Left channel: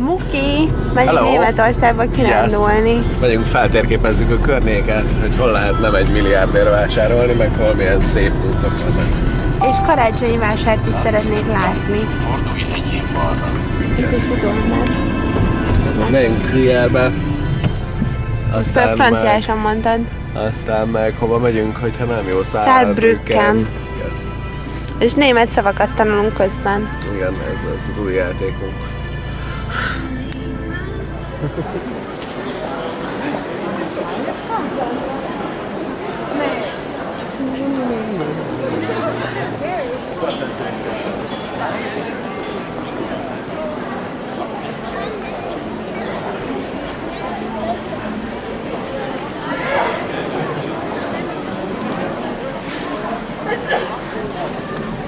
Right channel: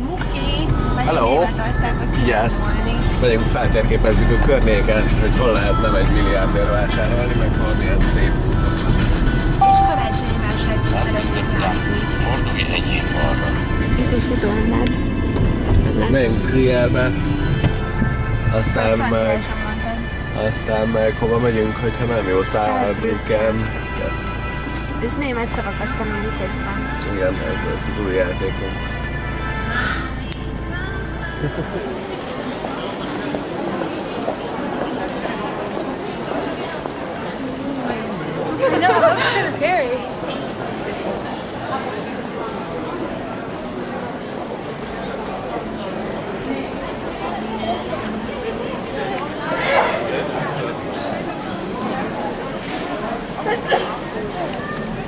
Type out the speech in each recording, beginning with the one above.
Muki, megyünk Németországba kirándulni. Megyünk, feltérképezzük a környéket, hogy hol lehetne 1 milliárdért vásárolni, meg hol milyen szép útok vannak. És karácsonyi vásárt is szeretnék látni. Fordulj egyéb balra. Itt egy futómát. Megyünk Trierbe. Aztán franciásan mondtad. Aztán meg hova megyünk, hogyha nem jó Saarbrücken. Yes. És német szavakat tanulunk közben. Igen, ez lesz az új játékunk.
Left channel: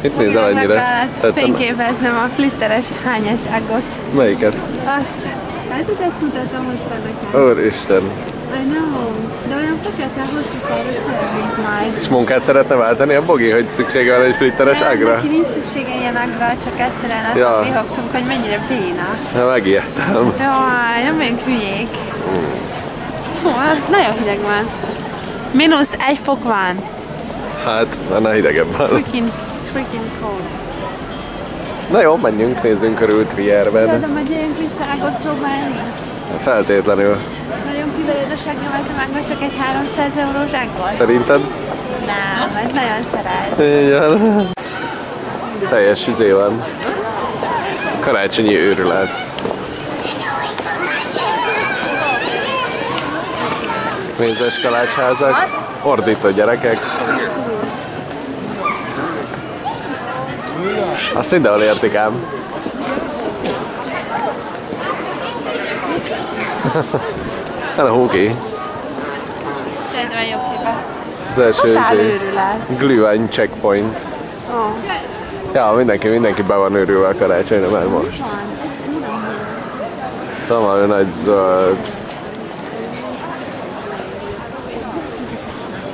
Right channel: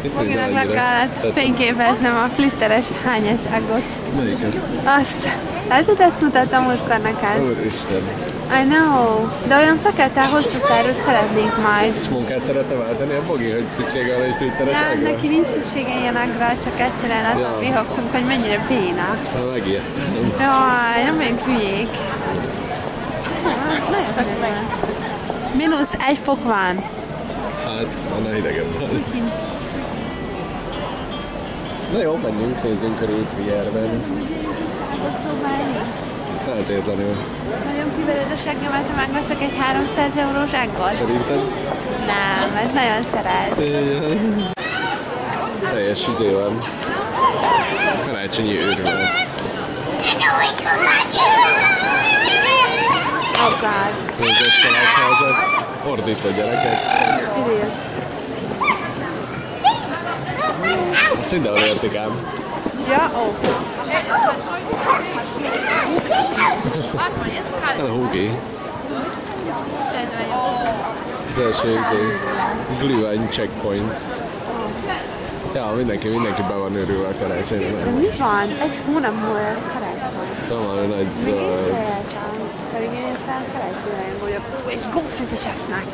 Itt nézel annyira? Kellett fényképeznem a flitteres hányas aggot. Melyiket? Azt. Látod, ezt mutattam múltkor neked? Úristen. I know. De olyan fekete, hosszú szárút szeretnék majd. És munkát szeretne váltani a Bogi, hogy szüksége van egy flitteres ágra? Neki nincs szüksége ilyen agra, csak egyszerűen azon vihogtunk, hogy mennyire béna. Na, megijedtem. Jaj, nem vagyunk hülyék. Hú, nagyon hideg van. -1 fok van. Hát, annál hidegebb van. Freaking cold. Na jó, menjünk, nézzünk körül Trierben. De megyünk vissza ágot próbálni? Feltétlenül. Nagyon kivered a seggemet, ha megveszek egy 300 eurós ággot? Szerinted? Nem, mert nagyon szeret. Igen. Teljes üzé van. Karácsonyi őrület. Mézes kalácsházak, ordító gyerekek. Azt mindenhol értik ám. Hello, Huki. Az első Glühwein checkpoint. Ja, mindenki be van őrülve a karácsonyra már most. Mi van? Egy hónap múlva ez. Valami nagy zöld. És konfit is esznek.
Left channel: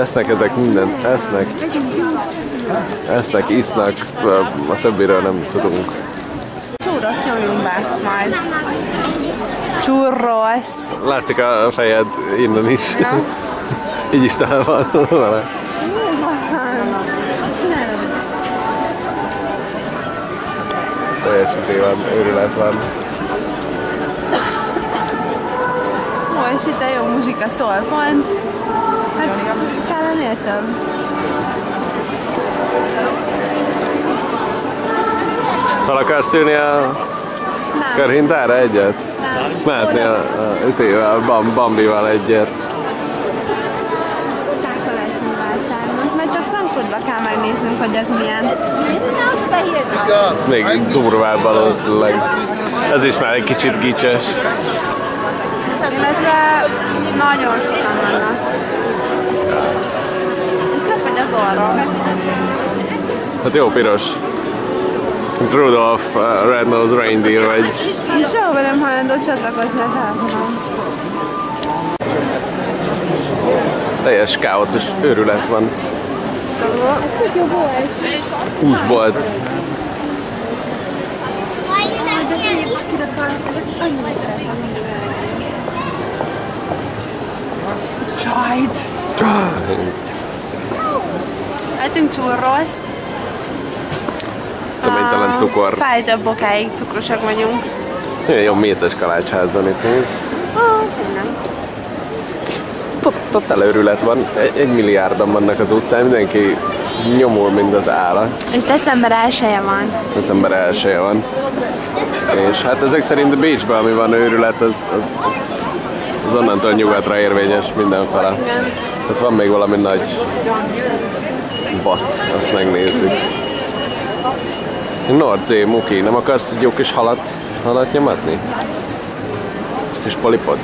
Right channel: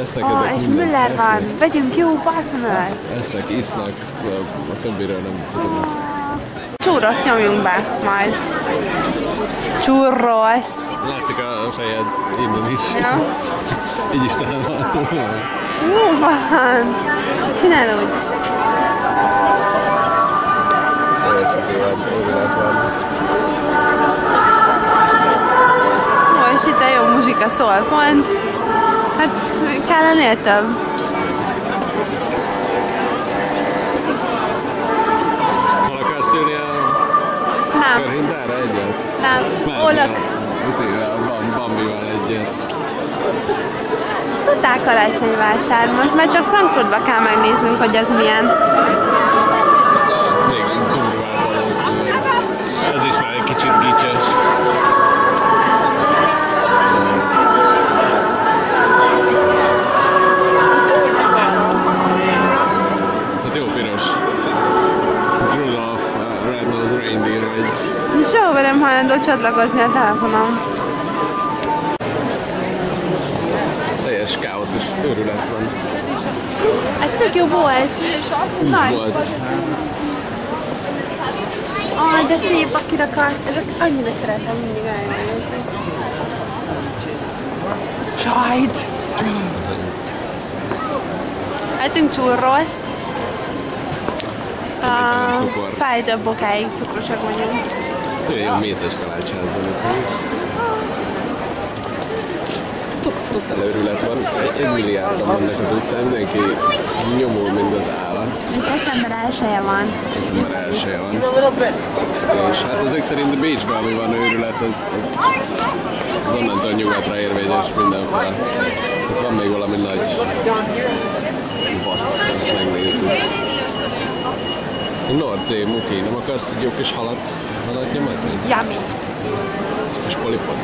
Esznek ezek mindent, esznek. Vegyünk jó partnert. Esznek, isznak, a többiről nem tudunk. Churros nyomjunk be majd. Churros. Látszik a fejed innen is. Ja. Így is talán van vele. Jó van. Csinálod. Teljes izé van, őrület van. Ó, és itt a jó muzsika szól pont. Hát kellene több. Fel akarsz ülni a körhintára egyet? Nem. Mehetni a Bambival egyet. Totál karácsonyi vásár most, mert csak Frankfurtba kell megnéznünk, hogy az milyen. Ez még durvább valószínűleg. Ez is már egy kicsit gicses. Nagyon vannak. És tök, hogy az orrom. Hát jó piros. Rudolph Red-Nosed Reindeer vagy. És sehova nem hajlandó csatlakozni a telefonom. Teljes káosz és őrület van. Ez tök jó volt. Húsbolt. De szép a kirakar. Ezeket annyira szeretem mindig elnézni. Sajt! Ettünk churroszt. Töménytelen cukor. Fáj, több bokáig cukrosak vagyunk. Nagyon jó mézes kalácsház van itt, nézd. Totál őrület van. 1 milliárdan vannak az utcán, mindenki nyomul, mint az állat. És december 1-e van. December 1-e van. És hát ezek szerint Bécsben, ami van őrület, az onnantól nyugatra érvényes mindenfele. Hát van még valami nagy bassz, azt megnézzük. Nordzé, Muki, nem akarsz egy jó kis halat nyomatni? Yummy. Kis polipot?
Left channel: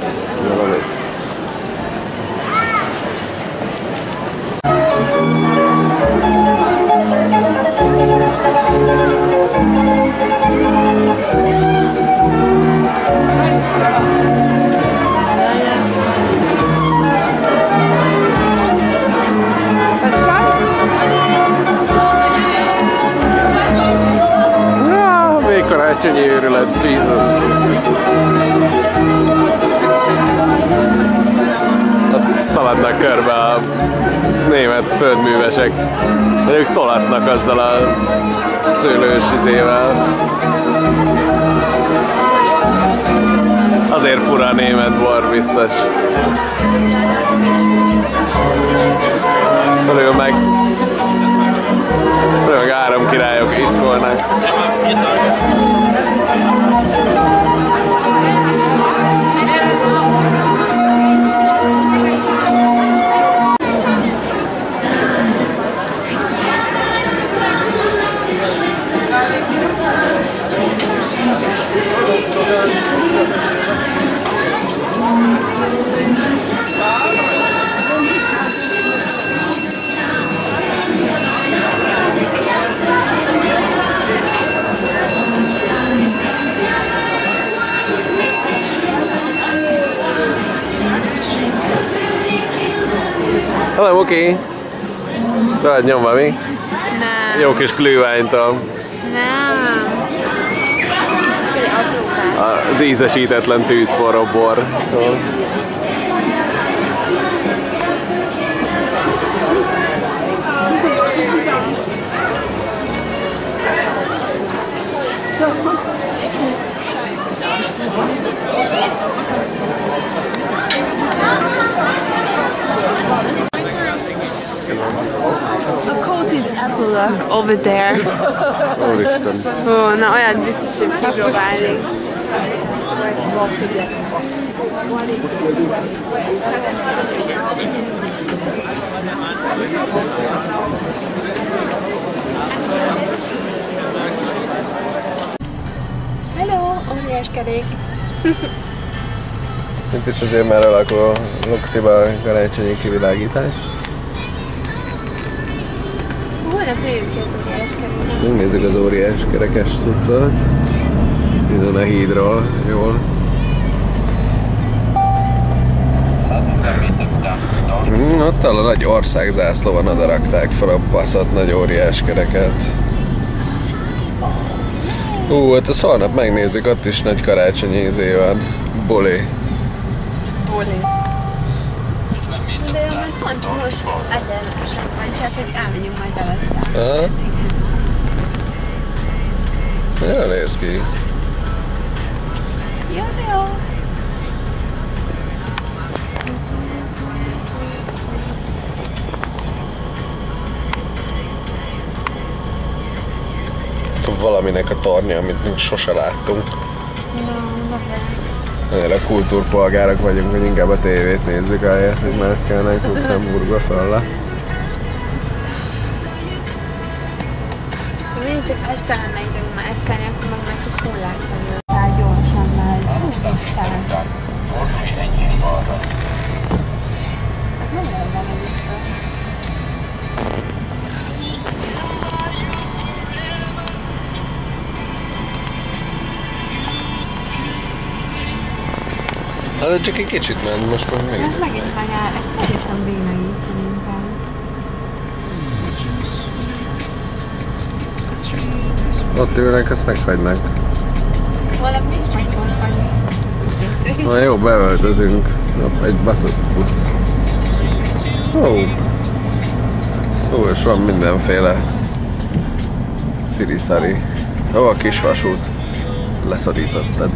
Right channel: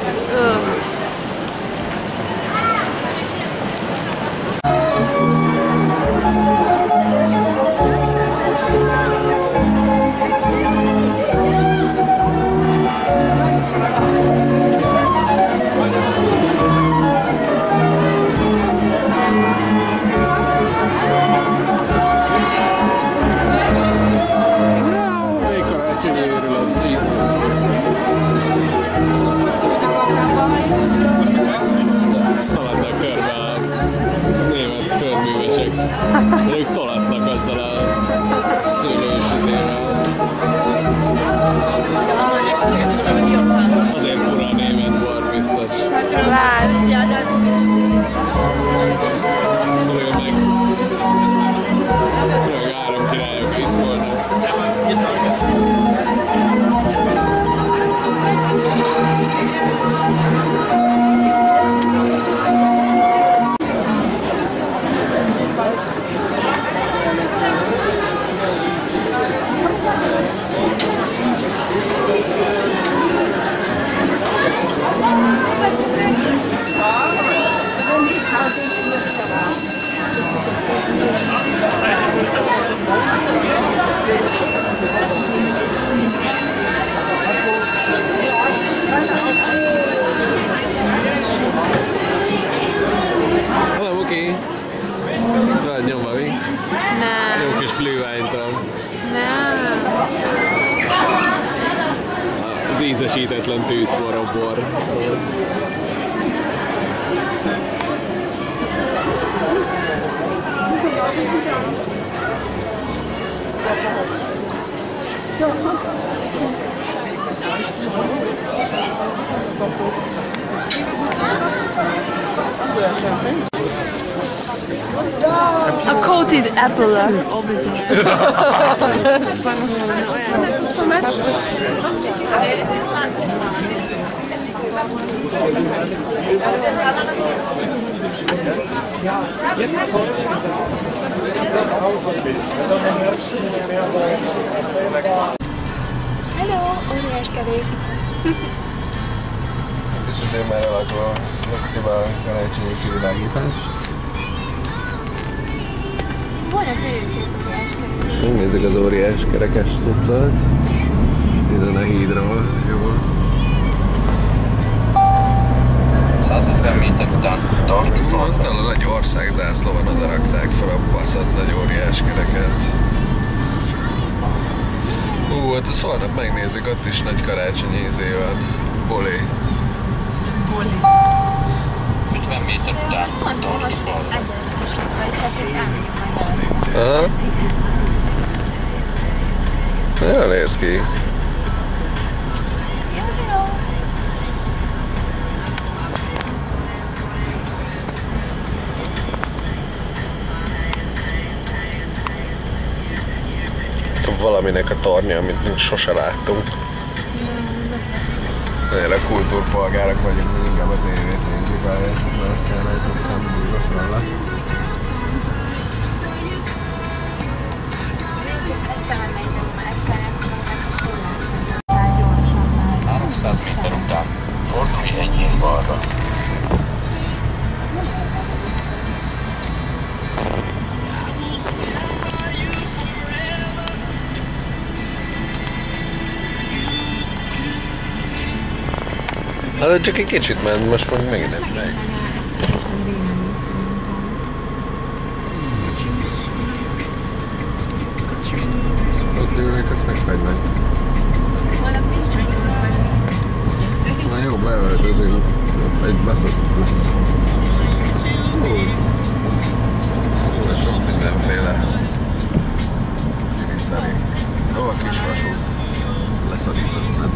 Karácsonyi Mennyi őrület, Jesus! Ott szaladnak körbe a német földművesek. Ők tolatnak azzal a szőlős izével. Azért fura a német bor, biztos. Fölül meg három királyok iszkolnak. Hello, Muki! Rajt nyomva mi? Nem. Jó kis glühweintől. Nem. Az ízesítetlen tűzforró bor. A coated epilogue over there. Na olyan biztos, hogy megpróbálni. Hello, óriás kerék! Itt is azért már alakul a Luxiba a karácsonyi kivilágítás. Holnap jövünk ki az óriás kerék. Megnézzük az óriás kerekes cuccot. Innen a hídról, jól. 150 méter után tart. Ott a nagy országzászlóban oda rakták fel a baszott nagy óriás kereket. Hát azt holnap megnézzük, ott is nagy karácsonyi izé van. Buli. 50 méter után Pont most tart balra. egyenlősen, vagyis hát, hogy elmegyünk majd előtte. Aha. Jól néz ki. Jó, jó. Valaminek a tornya, amit még sose láttunk. Annyira kultúrpolgárok vagyunk, hogy inkább a tévét nézzük, ahelyett, hogy mászkálnánk Luxemburgba fel. Én csak este mennék mászkálni, akkor meg már csak korlátozom. Tehát gyorsan már. 300 méter után fordulj enyhén balra. Hát csak egy kicsit ment, most meg megint Ez nem megint megy. anyá, ez teljesen bénait szerintem. Ott ülnek, azt megfagynak. Holnap mi is meg fogunk fagyni. Na jó, beöltözünk. Egy baszott busz. És van mindenféle sziri-szari. Ó, a kis vasút. Leszorítottad.